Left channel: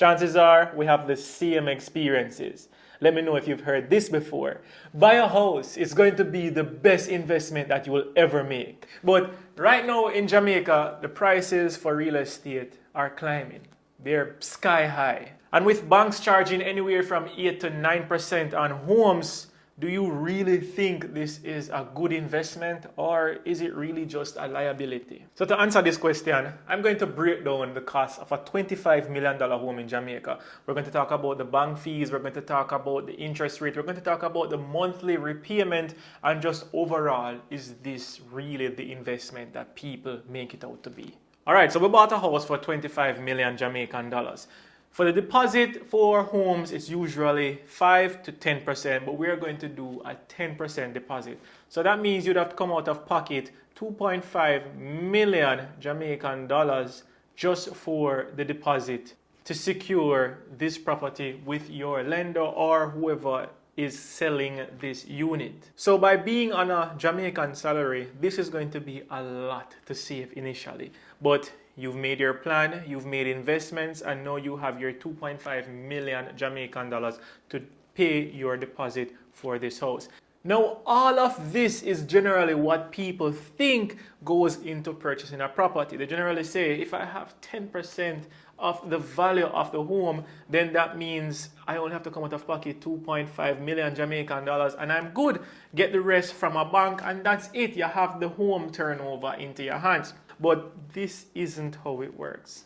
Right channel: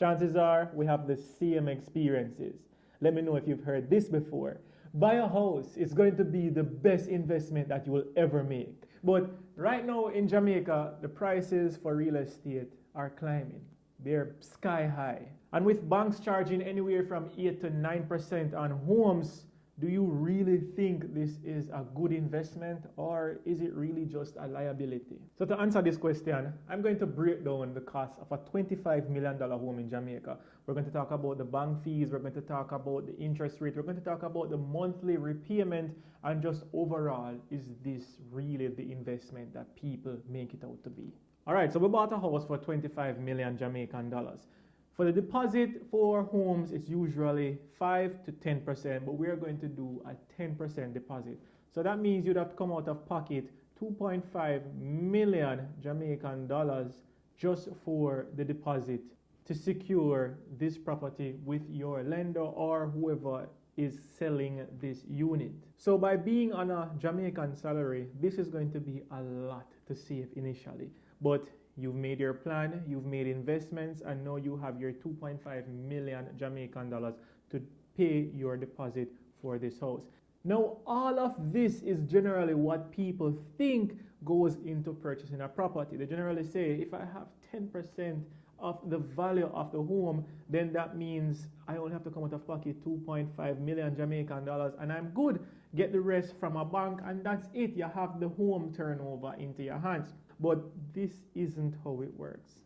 Chances are we have the same experiences. Let me know if you've heard this before. Buy a house is going to be the best investment that you will ever make. But right now in Jamaica, the prices for real estate are climbing. They're sky high. And with banks charging anywhere from 8 to 9% on homes, do you really think this is a good investment, or is it really just a liability? So to answer this question, I'm going to break down the cost of a $25 million home in Jamaica. We're going to talk about the bank fees, we're going to talk about the interest rate, we're going to talk about the monthly repayment, and just overall, is this really the investment that people make it out to be? All right, so we bought a house for 25 million Jamaican dollars. For the deposit for homes, it's usually 5 to 10%, but we're going to do a 10% deposit. So that means you'd have to come out of pocket 2.5 million Jamaican dollars just for the deposit to secure this property with your lender or whoever is selling this unit. So by being on a Jamaican salary, this is going to be a lot to save initially. But you've made your plan, you've made investments, and now you have your 2.5 million Jamaican dollars to pay your deposit for this house. Now, all of this is generally what people think goes into purchasing a property. They generally say, if I have 10% of the value of the home, then that means I only have to come out of pocket 2.5 million Jamaican dollars and I'm good. Get the rest from a bank and that's it. You have the home turnover into your hands. But this isn't how it works.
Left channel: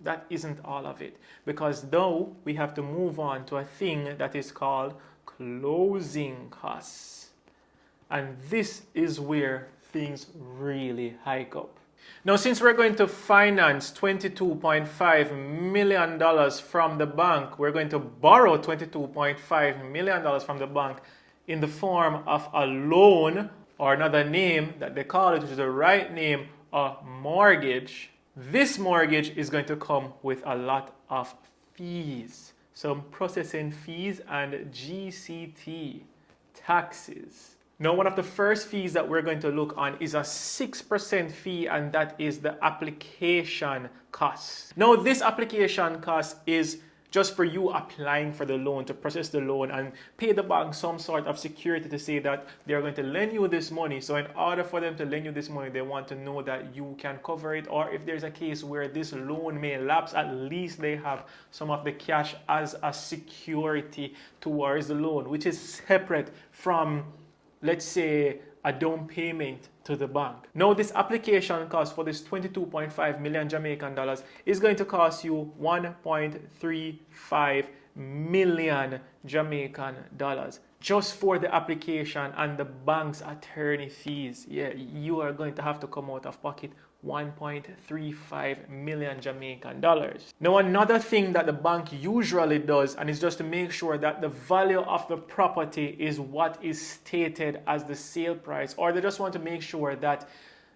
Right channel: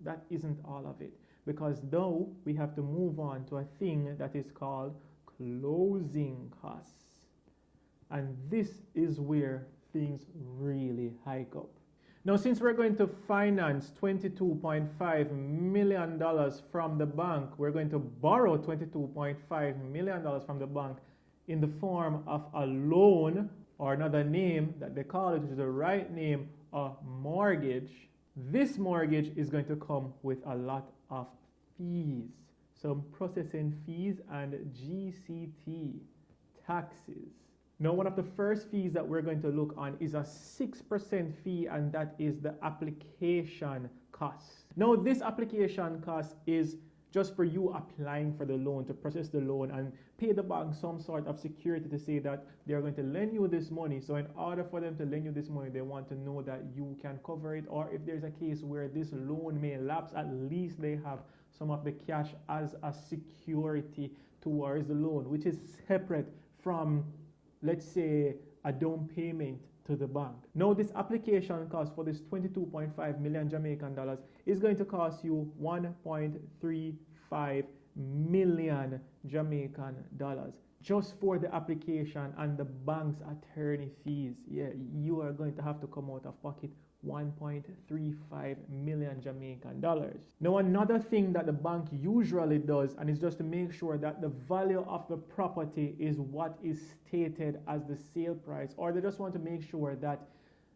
That isn't all of it. Because now we have to move on to a thing that is called closing costs. And this is where things really hike up. Now, since we're going to finance $22.5 million from the bank, we're going to borrow $22.5 million from the bank in the form of a loan, or another name that they call it, which is the right name, a mortgage. This mortgage is going to come with a lot of fees, some processing fees and GCT taxes. Now, one of the first fees that we're going to look on is a 6% fee, and that is the application cost. Now, this application cost is just for you applying for the loan, to process the loan and pay the bank some sort of security to say that they're going to lend you this money. So in order for them to lend you this money, they want to know that you can cover it, or if there's a case where this loan may lapse, at least they have some of the cash as a security towards the loan, which is separate from, let's say, a down payment to the bank. Now, this application cost for this 22.5 million Jamaican dollars is going to cost you 1.35 million Jamaican dollars just for the application and the bank's attorney fees. Yeah, you are going to have to come out of pocket 1.35 million Jamaican dollars. Now, another thing that the bank usually does, and is just to make sure that the value of the property is what is stated as the sale price, or they just want to make sure that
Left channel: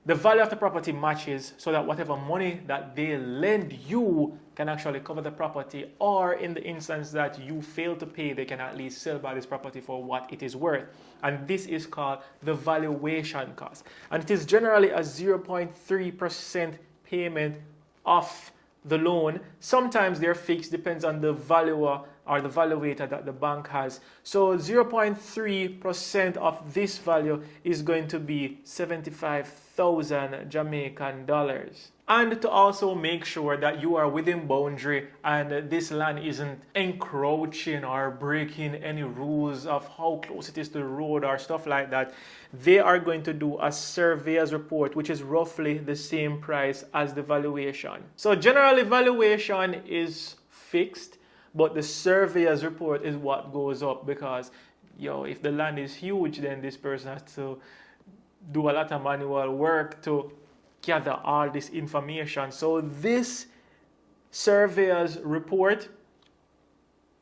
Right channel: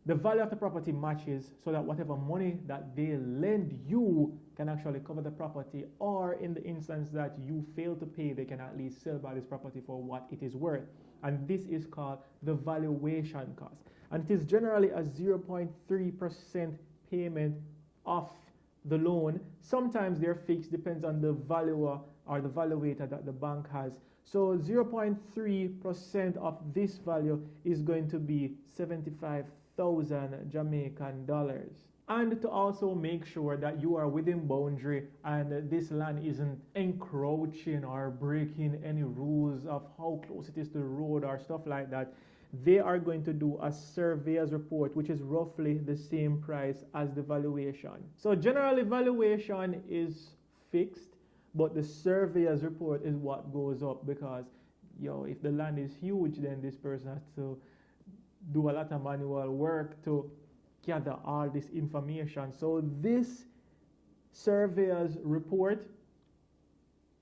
the value of the property matches, so that whatever money that they lend you can actually cover the property, or in the instance that you fail to pay, they can at least sell by this property for what it is worth. And this is called the valuation cost. And it is generally a 0.3% payment of the loan. Sometimes they're fixed, depends on the valuer or the valuator that the bank has. So 0.3% of this value is going to be 75,000 Jamaican dollars. And to also make sure that you are within boundary and this land isn't encroaching or breaking any rules of how close it is to the road or stuff like that, they are going to do a surveyor's report, which is roughly the same price as the valuation. So generally, valuation is fixed, but the surveyor's report is what goes up, because if the land is huge, then this person has to do a lot of manual work to gather all this information. So this surveyor's report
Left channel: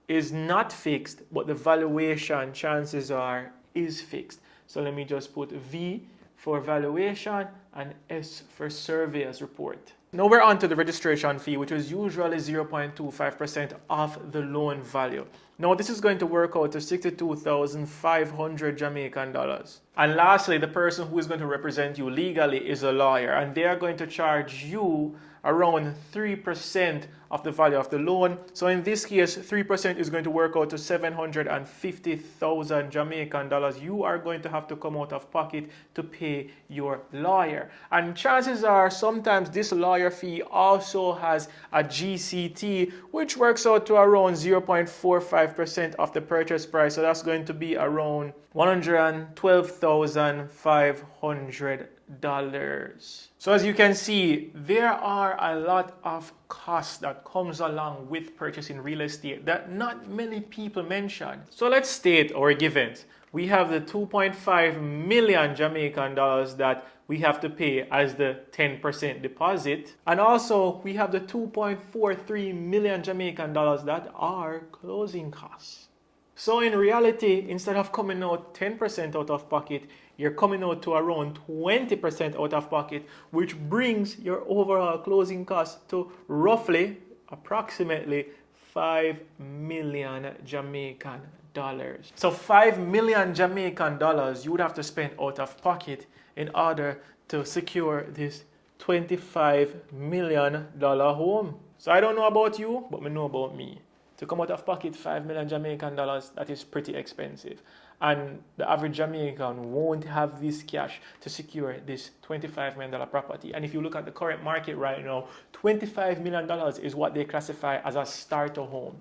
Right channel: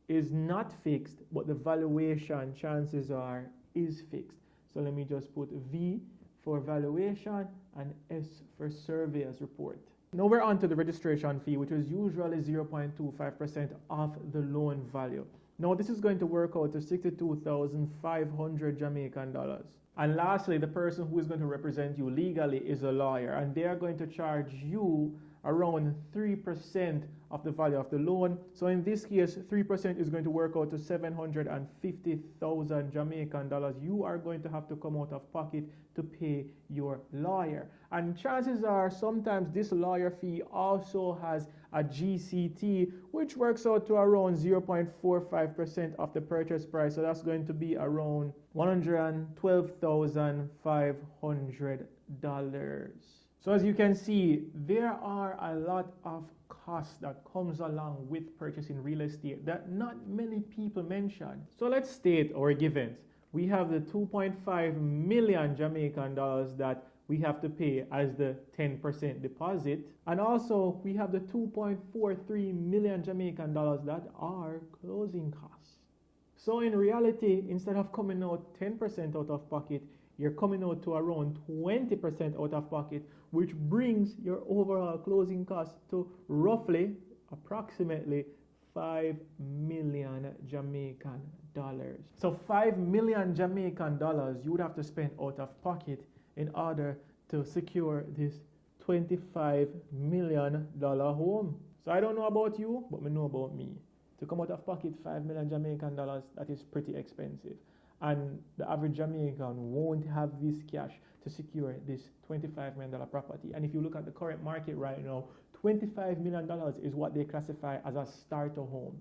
is not fixed, but the valuation, chances are, is fixed. So let me just put V for valuation and S for surveyor's report. Now we're on to the registration fee, which is usually 0.25% of the loan value. Now this is going to work out to 62,500 Jamaican dollars. And lastly, the person who is going to represent you legally is a lawyer, and they are going to charge you around 3% of the value of the loan. So in this case, 3% is going to work out to 750,000 Jamaican dollars. You are going to have to come out of pocket to pay your lawyer. And chances are sometimes this lawyer fee also has a GCT, which works out to around 0.45% of the purchase price. So that's going to be around $112,500. So as you can see, there are a lot of costs that comes along with purchasing real estate that not many people mention. So let's state our givens. We have the 2.5 million Jamaican dollars that we have to pay as the 10% deposit. And also we have the 2.43 million Jamaican dollars that are closing costs. So in reality, instead of coming out 10% out of pocket, you're coming out to around 20% out of pocket, which brings your overall closing cost to roughly, approximately 5 million Jamaican dollars. So 5 million Jamaican dollars you would have to spend out of pocket in order to secure this $25 million home. So I don't know about you, but I know about me. To come out of pocket 5 million Jamaican dollars, that is pretty expensive. And the average Jamaican won't have this cash to secure this $25 million property. And if you look at the current market right now, $25 million is what they classify as a starter home.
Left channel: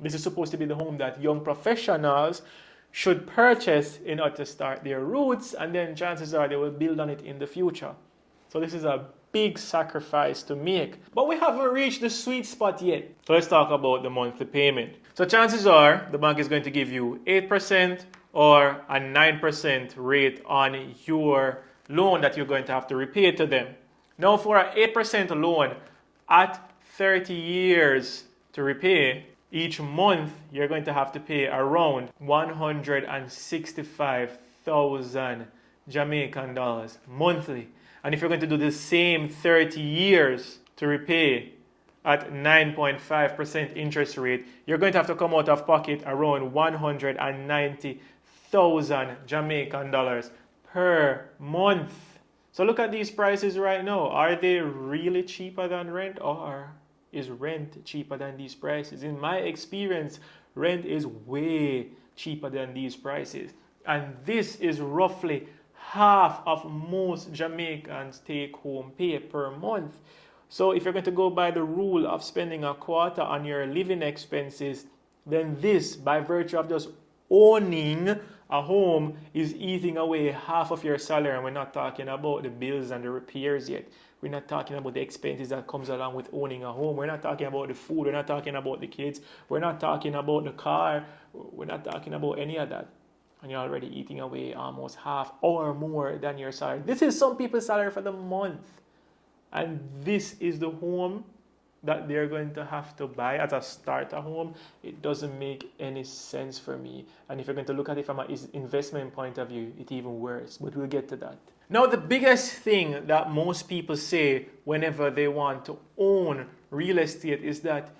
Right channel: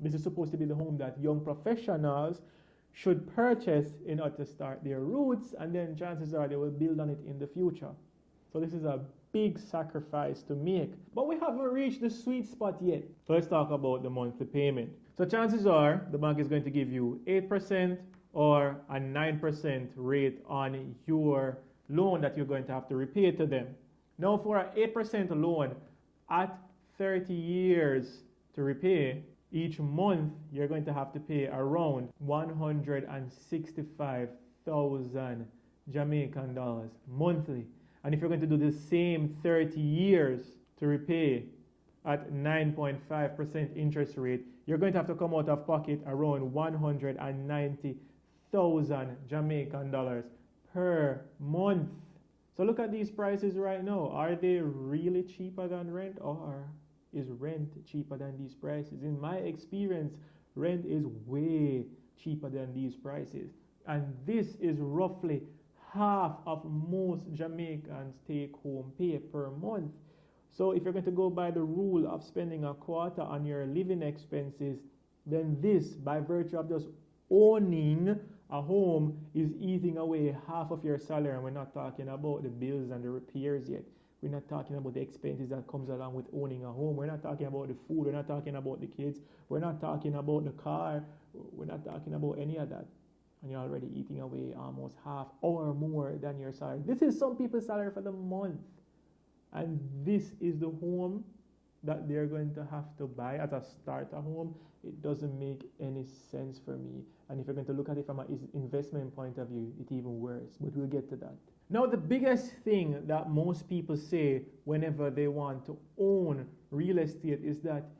This is supposed to be the home that young professionals should purchase in order to start their roots, and then chances are they will build on it in the future. So this is a big sacrifice to make. But we haven't reached the sweet spot yet. So let's talk about the monthly payment. So chances are the bank is going to give you 8% or a 9% rate on your loan that you're going to have to repay to them. Now for an 8% loan at 30 years to repay, each month you're going to have to pay around 165,000 Jamaican dollars monthly. And if you're going to do the same 30 years to repay at 9.5% interest rate, you're going to have to come out of pocket around 190,000 Jamaican dollars per month. So look at these prices right now. Are they really cheaper than rent, or is rent cheaper than these prices? In my experience, rent is way cheaper than these prices. And this is roughly half of most Jamaicans take home pay per month. So if you're going to go by the rule of spending a quarter on your living expenses, then this, by virtue of just owning a home, is eating away half of your salary. And we're not talking about the bills and the repairs yet. We're not talking about the expenses that comes along with owning a home. We're not talking about the food. We're not talking about the kids. We're not talking about the car. We're not talking about any of that. And you're already eating away almost half or more than your salary. This is some people's salary for the month. And this is the home that they're going to have to buy as a starter home. It doesn't make any sense for me. And if you're going to look at it from an investment point of view, it's even worse. But we'll get to that. Now, the biggest thing that most people say whenever they want to own real estate is that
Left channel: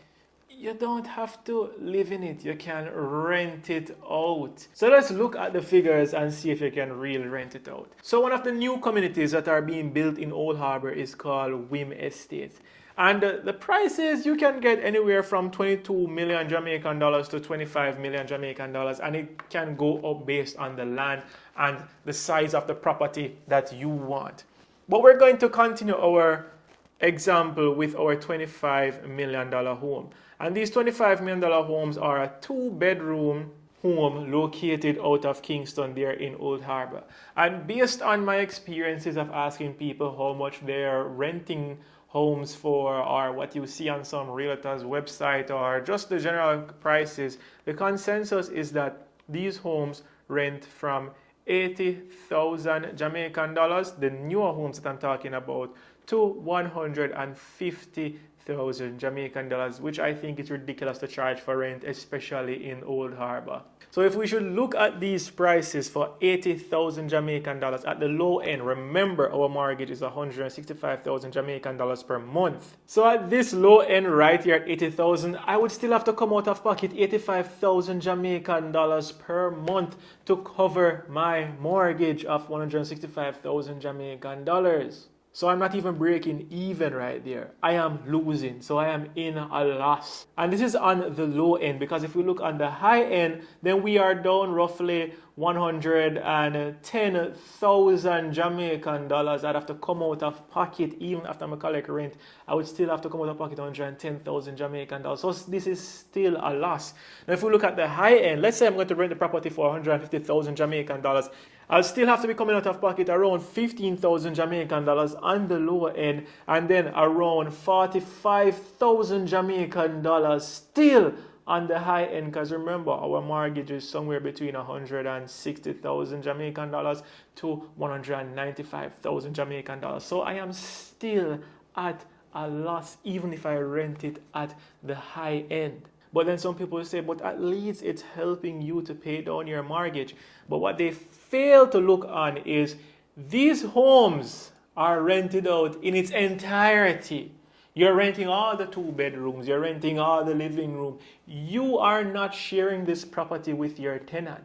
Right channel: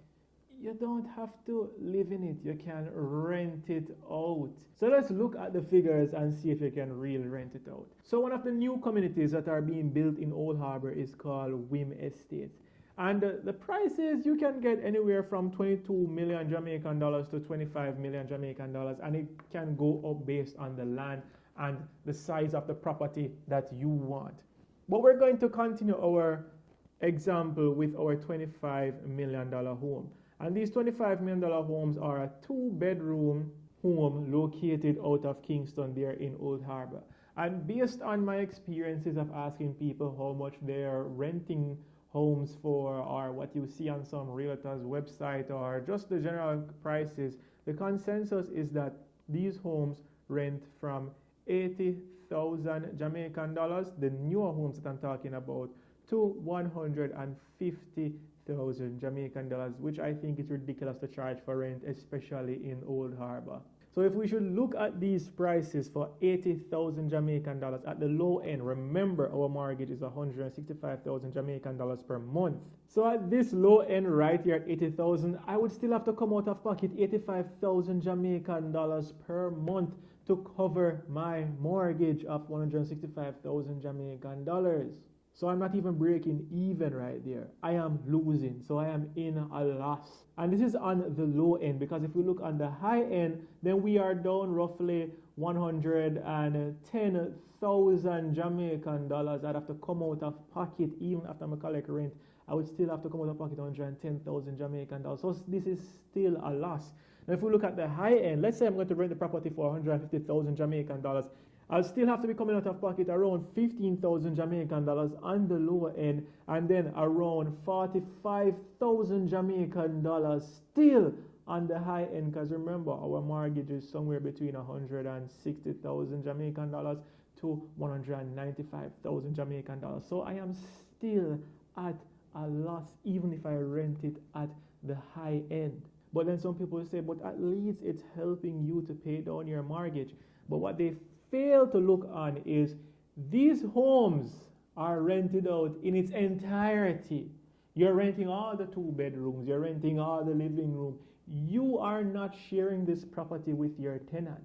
you don't have to live in it. You can rent it out. So let's look at the figures and see if you can really rent it out. So one of the new communities that are being built in Old Harbour is called Wim Estate. And the prices, you can get anywhere from 22 million Jamaican dollars to 25 million Jamaican dollars. And it can go up based on the land and the size of the property that you want. But we're going to continue our example with our $25 million home. And these $25 million homes are a 2-bedroom home located out of Kingston there in Old Harbour. And based on my experiences of asking people how much they're renting homes for, or what you see on some realtors' website, or just the general prices, the consensus is that these homes rent from 80,000 Jamaican dollars, the newer homes that I'm talking about, to 150,000 Jamaican dollars, which I think is ridiculous to charge for rent, especially in Old Harbour. So if we should look at these prices for 80,000 Jamaican dollars at the low end, remember our mortgage is 165,000 Jamaican dollars per month. So at this low end right here at 80,000, I would still have to come out of pocket 85,000 Jamaican dollars per month to cover my mortgage of 165,000 Jamaican dollars. So I'm not even breaking even right there. I am losing. So I am in a loss. And this is on the low end, because if we look on the high end, then we are down roughly 110,000 Jamaican dollars. I'd have to come out of pocket. Even after I collect rent, I would still have to come out of pocket 110,000 Jamaican dollars. So this is still a loss. Now if we look at the high end, let's say I'm going to rent the property for 150,000 Jamaican dollars. I'll still have to be coming out of pocket around 15,000 Jamaican dollars on the lower end, and then around 45,000 Jamaican dollars still on the high end, because remember, our mortgage is somewhere between 160,000 Jamaican dollars to 195,000 Jamaican dollars. So I am still at a loss even if I rent it at the high end. But then some people say, but at least it's helping you to pay down your mortgage. But what they fail to look on is these homes are rented out in its entirety. You're renting all the 2 bedrooms, you're renting all the living room. You are not sharing this property with your tenant.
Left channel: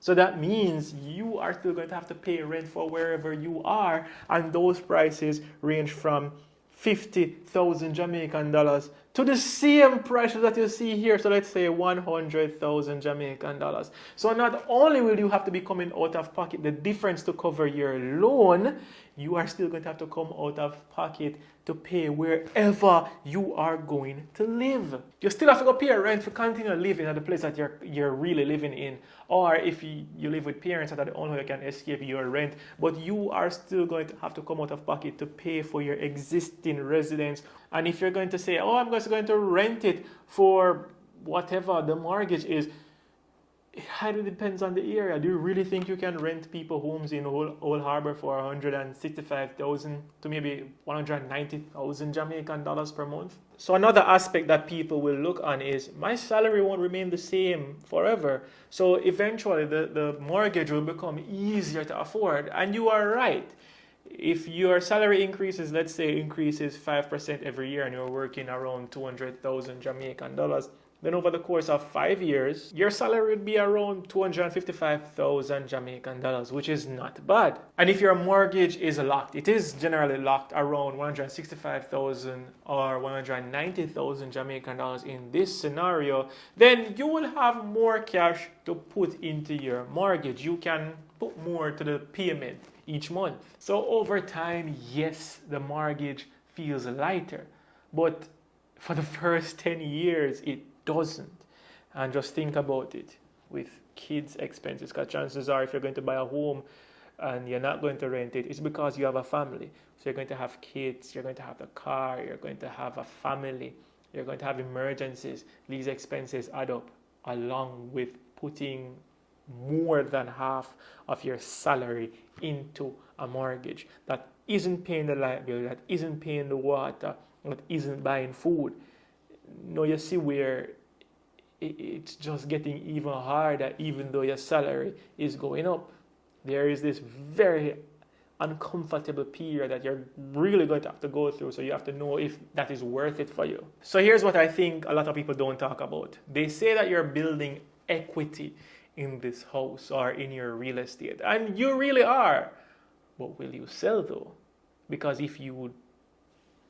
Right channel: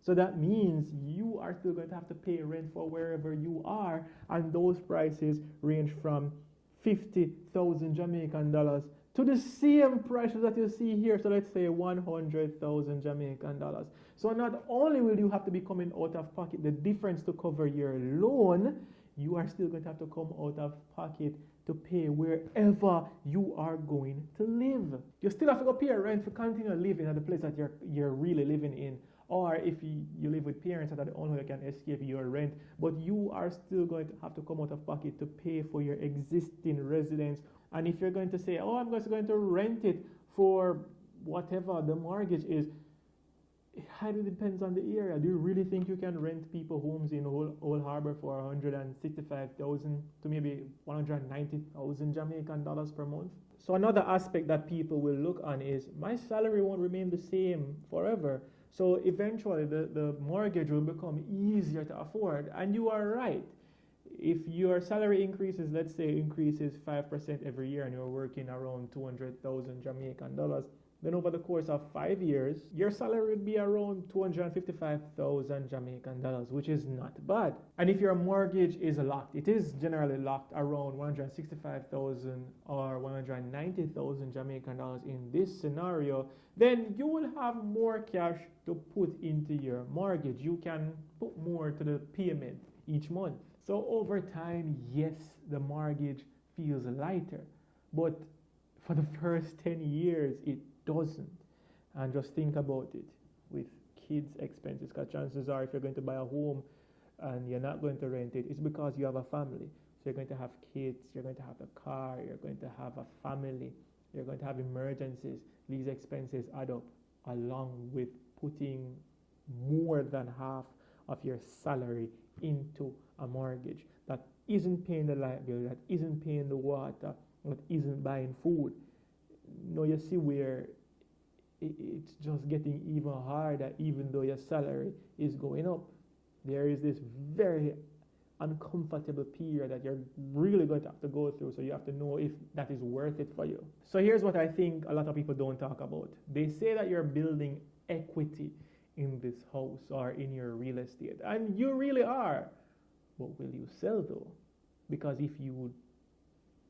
So that means you are still going to have to pay rent for wherever you are, and those prices range from 50,000 Jamaican dollars to the same prices that you see here. So let's say 100,000 Jamaican dollars. So not only will you have to be coming out of pocket the difference to cover your loan, you are still going to have to come out of pocket to pay wherever you are going to live. You still have to go pay a rent for continue living at the place that you're really living in. Or if you live with parents, that are the only way you can escape your rent. But you are still going to have to come out of pocket to pay for your existing residence. And if you're going to say, oh, I'm just going to rent it for whatever the mortgage is, it highly depends on the area. Do you really think you can rent people homes in Old Harbor for 165,000 to maybe 190,000 Jamaican dollars per month? So another aspect that people will look on is my salary won't remain the same forever. So eventually the mortgage will become easier to afford. And you are right. If your salary increases, let's say increases 5% every year, and you're working around 200,000 Jamaican dollars, then over the course of 5 years, your salary would be around 255,000 Jamaican dollars, which is not bad. And if your mortgage is locked, it is generally locked around 165,000 or 190,000 Jamaican dollars in this scenario, then you will have more cash to put into your mortgage. You can put more to the payment each month. So over time, yes, the mortgage feels lighter, but for the first 10 years, it doesn't. And just think about it with kids' expenses, because chances are if you're going to buy a home and you're not going to rent it, it's because you have a family. So you're going to have kids, you're going to have a car, you're going to have a family, you're going to have emergencies. These expenses add up, along with putting more than half of your salary into a mortgage that isn't paying the light bill, that isn't paying the water, that isn't buying food. No, you see where it's just getting even harder, even though your salary is going up. There is this very uncomfortable period that you're really going to have to go through, so you have to know if that is worth it for you. So here's what I think a lot of people don't talk about. They say that you're building equity in this house or in your real estate, and you really are. But will you sell though? Because if you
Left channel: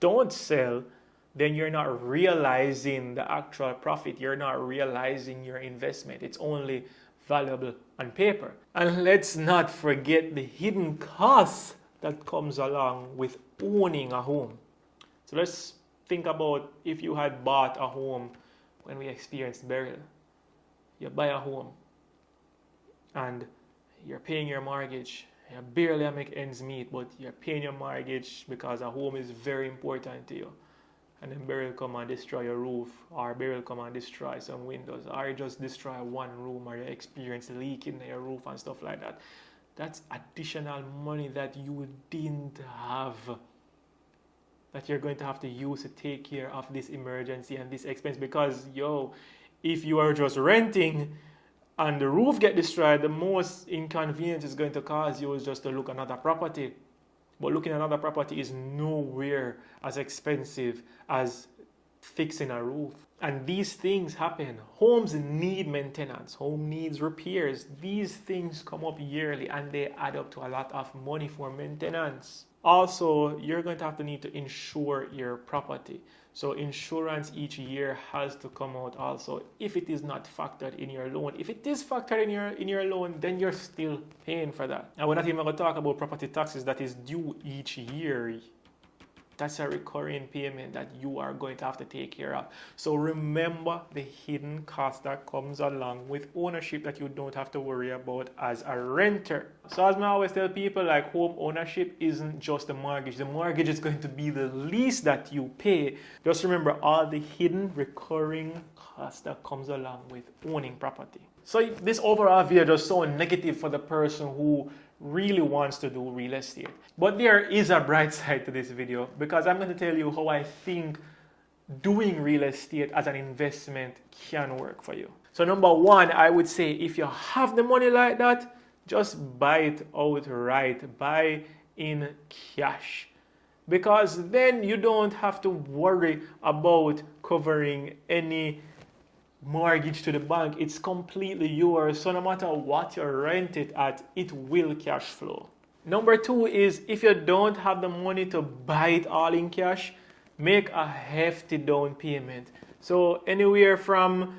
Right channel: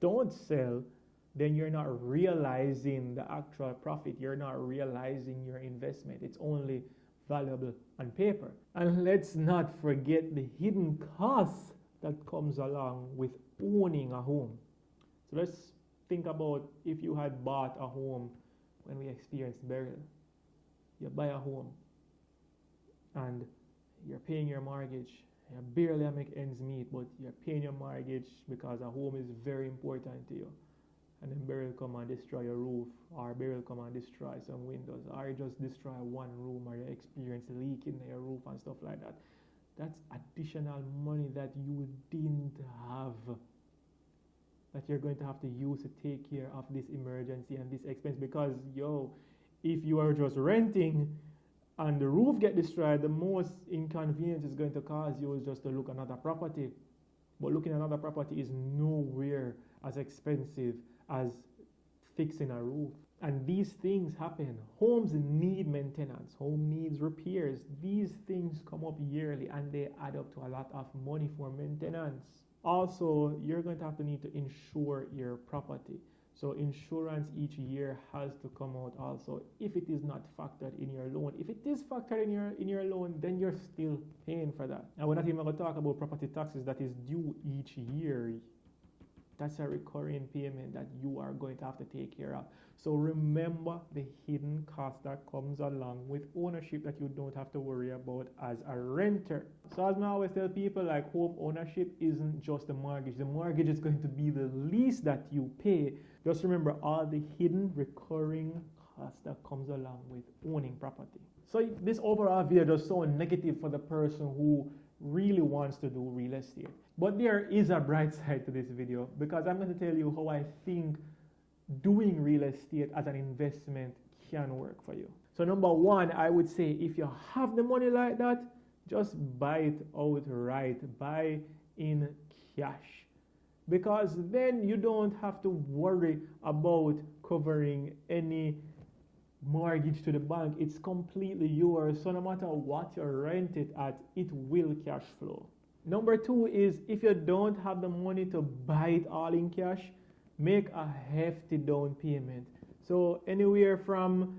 don't sell, then you're not realizing the actual profit. You're not realizing your investment. It's only valuable on paper. And let's not forget the hidden costs that comes along with owning a home. So let's think about if you had bought a home when we experienced burial. You buy a home and you're paying your mortgage. You barely make ends meet, but you're paying your mortgage because a home is very important to you. And then burial come and destroy your roof, or burial come and destroy some windows, or you just destroy one room, or you experience leak in your roof and stuff like that. That's additional money that you didn't have, that you're going to have to use to take care of this emergency and this expense. Because if you are just renting and the roof get destroyed, the most inconvenience is going to cause you is just to look at another property. But looking at another property is nowhere as expensive as fixing a roof. And these things happen. Homes need maintenance. Home needs repairs. These things come up yearly and they add up to a lot of money for maintenance. Also, you're going to have to need to insure your property. So insurance each year has to come out also if it is not factored in your loan. If it is factored in your loan, then you're still paying for that. And we're not even going to talk about property taxes that is due each year. That's a recurring payment that you are going to have to take care of. So remember the hidden cost that comes along with ownership that you don't have to worry about as a renter. So as I always tell people, like, home ownership isn't just the mortgage. The mortgage is going to be the lease that you pay. Just remember all the hidden recurring cost that comes along with owning property. So this overall video just so negative for the person who really wants to do real estate. But there is a bright side to this video, because I'm going to tell you how I think doing real estate as an investment can work for you. So number one, I would say if you have the money like that, just buy it outright, buy in cash. Because then you don't have to worry about covering any mortgage to the bank. It's completely yours, so no matter what you rent it at, it will cash flow. Number two is, if you don't have the money to buy it all in cash, make a hefty down payment. So anywhere from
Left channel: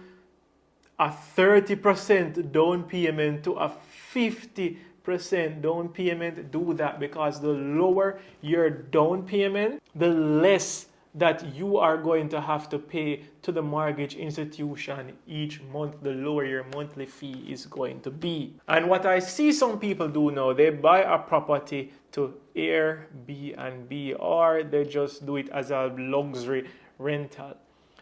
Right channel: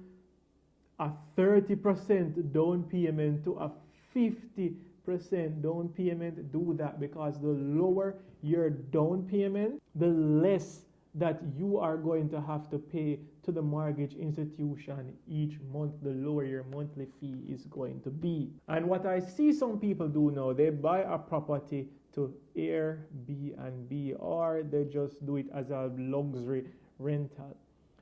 a 30% down payment to a 50% down payment, do that, because the lower your down payment, the less that you are going to have to pay to the mortgage institution each month, the lower your monthly fee is going to be. And what I see some people do now, they buy a property to Airbnb, or they just do it as a luxury rental.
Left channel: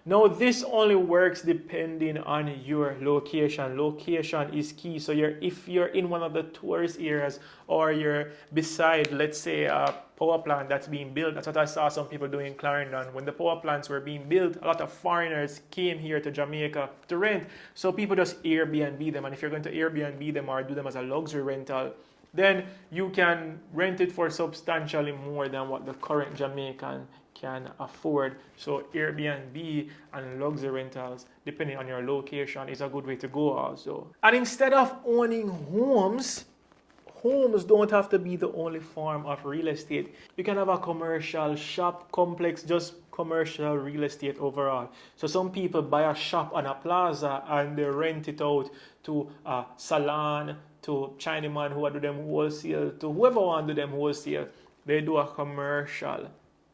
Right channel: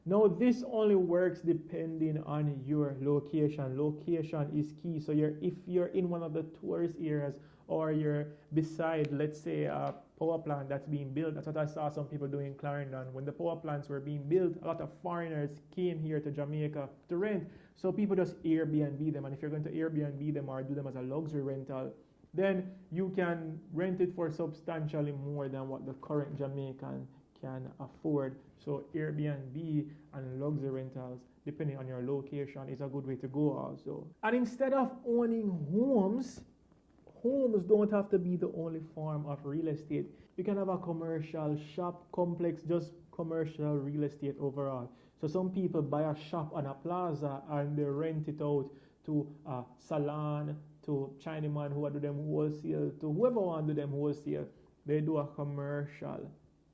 Now, this only works depending on your location. Location is key. So if you're in one of the tourist areas, or you're beside, let's say, a power plant that's being built. That's what I saw some people doing in Clarendon. When the power plants were being built, a lot of foreigners came here to Jamaica to rent. So people just Airbnb them. And if you're going to Airbnb them or do them as a luxury rental, then you can rent it for substantially more than what the current Jamaican can afford. So Airbnb and luxury rentals, depending on your location, is a good way to go also. And instead of owning homes don't have to be the only form of real estate. You can have a commercial shop complex, just commercial real estate overall. So some people buy a shop on a plaza and they rent it out to a salon, to Chinaman who do them wholesale, to whoever want to do them wholesale. They do a commercial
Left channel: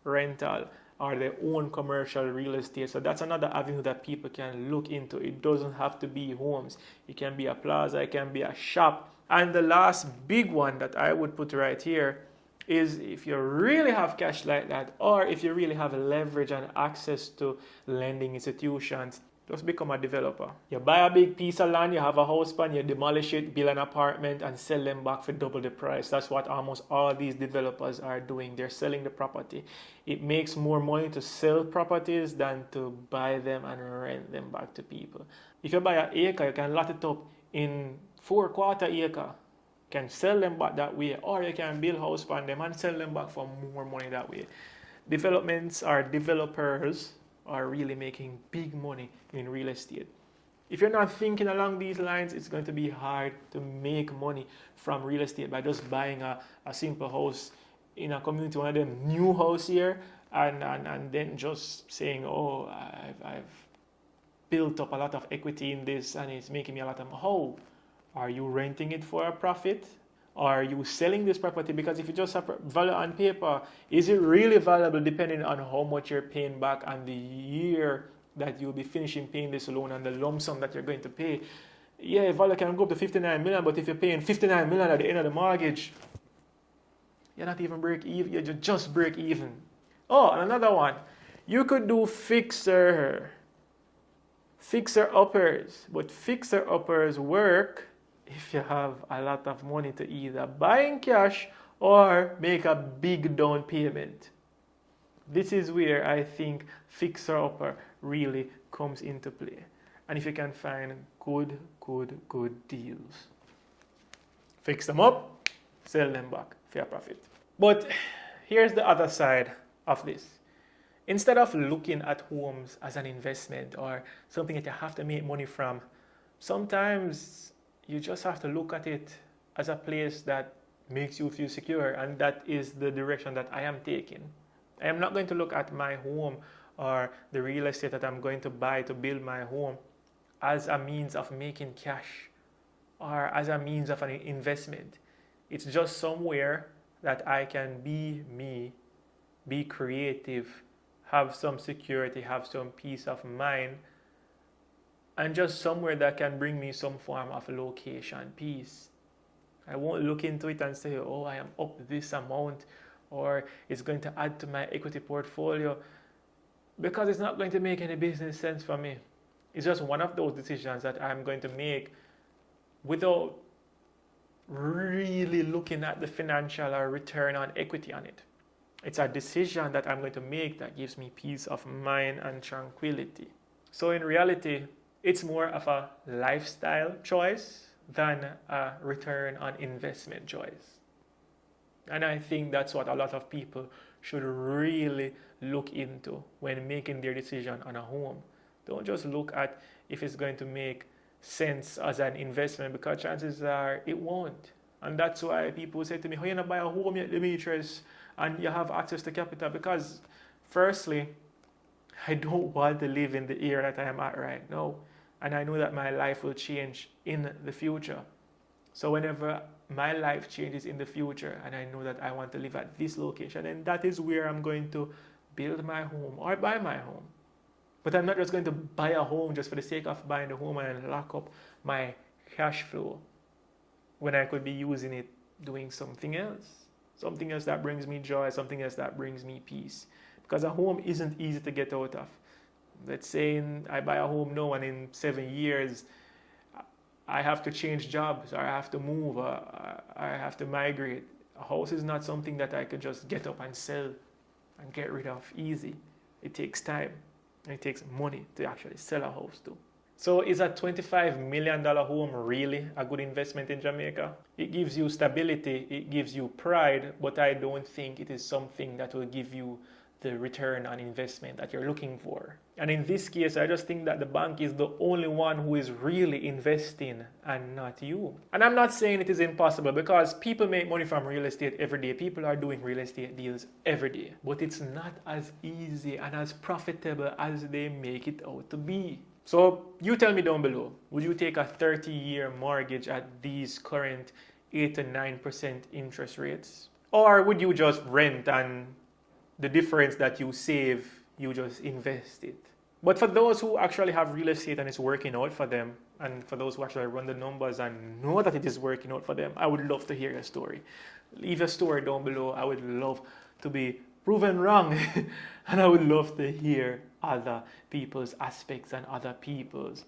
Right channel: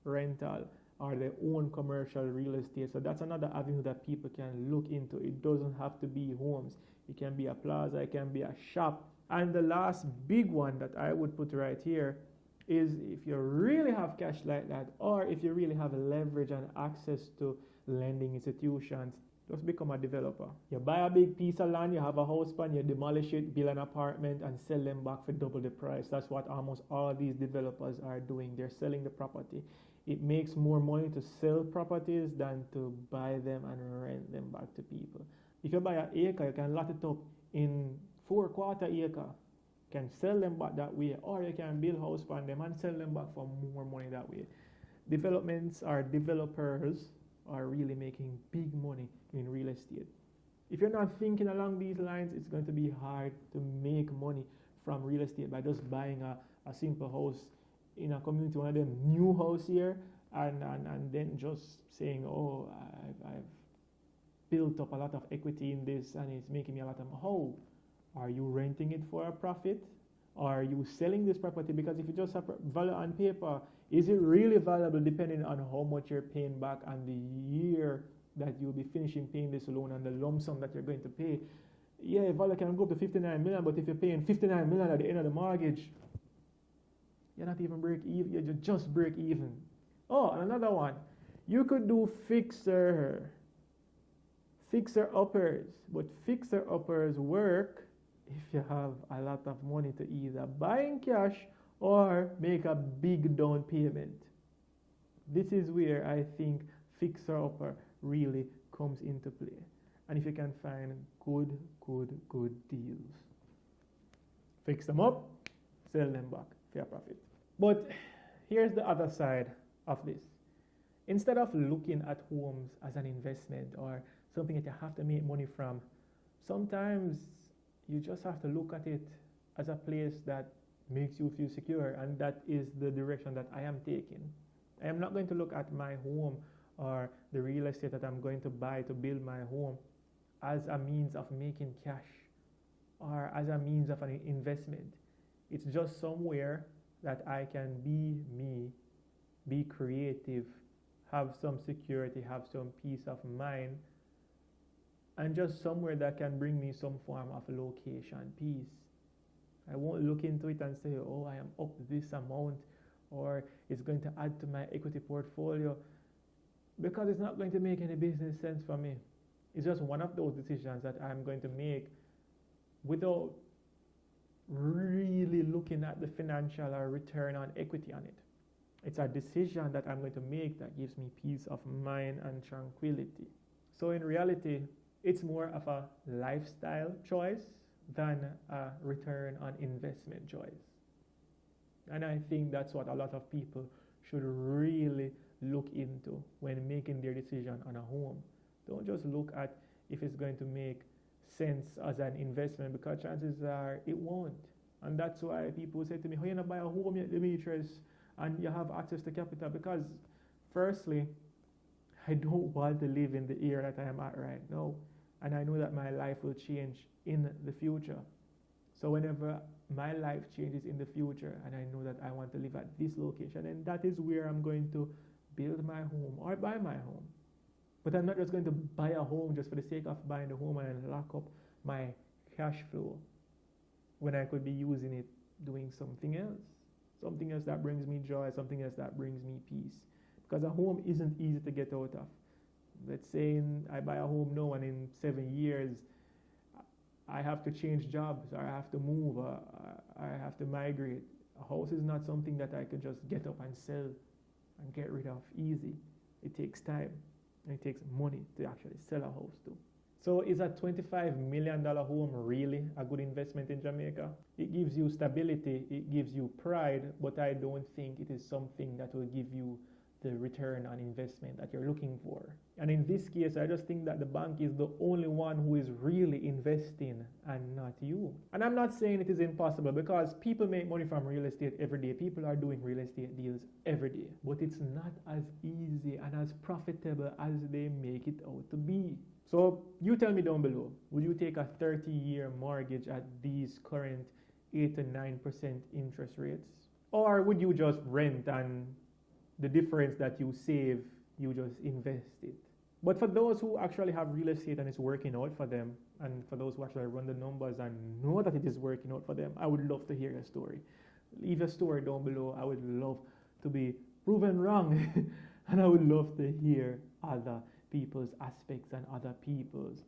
rental, or their own commercial real estate. So that's another avenue that people can look into. It doesn't have to be homes. It can be a plaza, it can be a shop. And the last big one that I would put right here is, if you really have cash like that, or if you really have leverage and access to lending institutions, just become a developer. You buy a big piece of land, you have a house plan, you demolish it, build an apartment, and sell them back for double the price. That's what almost all these developers are doing. They're selling the property. It makes more money to sell properties than to buy them and rent them back to people. If you buy an acre, you can lot it up in 4/4 acre. You can sell them back that way, or you can build house on them and sell them back for more money that way. Developments or developers are really making big money in real estate. If you're not thinking along these lines, it's going to be hard to make money from real estate by just buying a simple house in a community, one of them new house here, and then just saying, oh, I've built up a lot of equity in this and it's making me a lot of money. How? Are you renting it for a profit? Are you selling this property? Because if you just have value on paper, is it really valuable depending on how much you're paying back and the year that you'll be finishing paying this loan and the lump sum that you're going to pay? Yeah, value can go up to 59 million, but if you're paying 59 million at the end of the mortgage, you're not even break even, you just break even. Oh, and another one. You could do fixer uppers, but fixer uppers work if you have a lot of money to either buy in cash or make a big down payment. This is where I think fixer upper really comes into play. And if you can find good deals, fix them up, sell them back, fair profit. But here's the other side of this. Instead of looking at homes as an investment or something that you have to make money from, sometimes you just have to look at it as a place that makes you feel secure, and that is the direction that I am taking. I am not going to look at my home or the real estate that I'm going to buy to build my home as a means of making cash or as a means of an investment. It's just somewhere that I can be me, be creative, have some security, have some peace of mind, and just somewhere that can bring me some form of location peace. I won't look into it and say, oh, I am up this amount, or it's going to add to my equity portfolio, because it's not going to make any business sense for me. It's just one of those decisions that I'm going to make without really looking at the financial or return on equity on it. It's a decision that I'm going to make that gives me peace of mind and tranquility. So in reality, it's more of a lifestyle choice than a return on investment choice. And I think that's what a lot of people should really look into when making their decision on a home. Don't just look at if it's going to make sense as an investment, because chances are it won't. And that's why people say to me, how you not buy a home yet, Demetress, and you have access to capital? Because firstly, I don't want to live in the era that I am at right now. And I know that my life will change in the future. So whenever my life changes in the future and I know that I want to live at this location, and that is where I'm going to build my home or buy my home. But I'm not just going to buy a home just for the sake of buying the home and lock up my cash flow when I could be using it doing something else that brings me joy, something else that brings me peace. Because a home isn't easy to get out of. Let's say I buy a home now and in 7 years I have to change jobs, or I have to move, or I have to migrate. A house is not something that I could just get up and sell and get rid of easy. It takes time and it takes money to actually sell a house too. So is a $25 million home really a good investment in Jamaica? It gives you stability, it gives you pride, but I don't think it is something that will give you the return on investment that you're looking for. And in this case, I just think that the bank is the only one who is really investing and not you. And I'm not saying it is impossible, because people make money from real estate every day. People are doing real estate deals every day. But it's not as easy and as profitable as they make it out to be. So you tell me down below, would you take a 30-year mortgage at these current 8 to 9% interest rates? Or would you just rent and the difference that you save, you just invest it? But for those who actually have real estate and it's working out for them, and for those who actually run the numbers and know that it is working out for them, I would love to hear your story. Leave a story down below. I would love to be proven wrong. And I would love to hear other people's aspects and other people's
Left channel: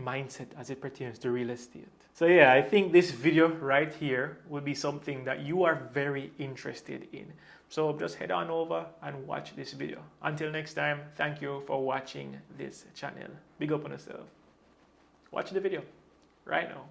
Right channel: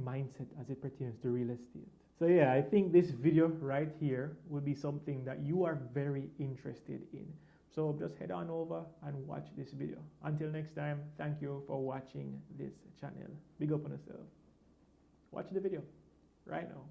mindset as it pertains to real estate. So yeah, I think this video right here would be something that you are very interested in. So just head on over and watch this video. Until next time, thank you for watching this channel. Big up on yourself. Watch the video right now.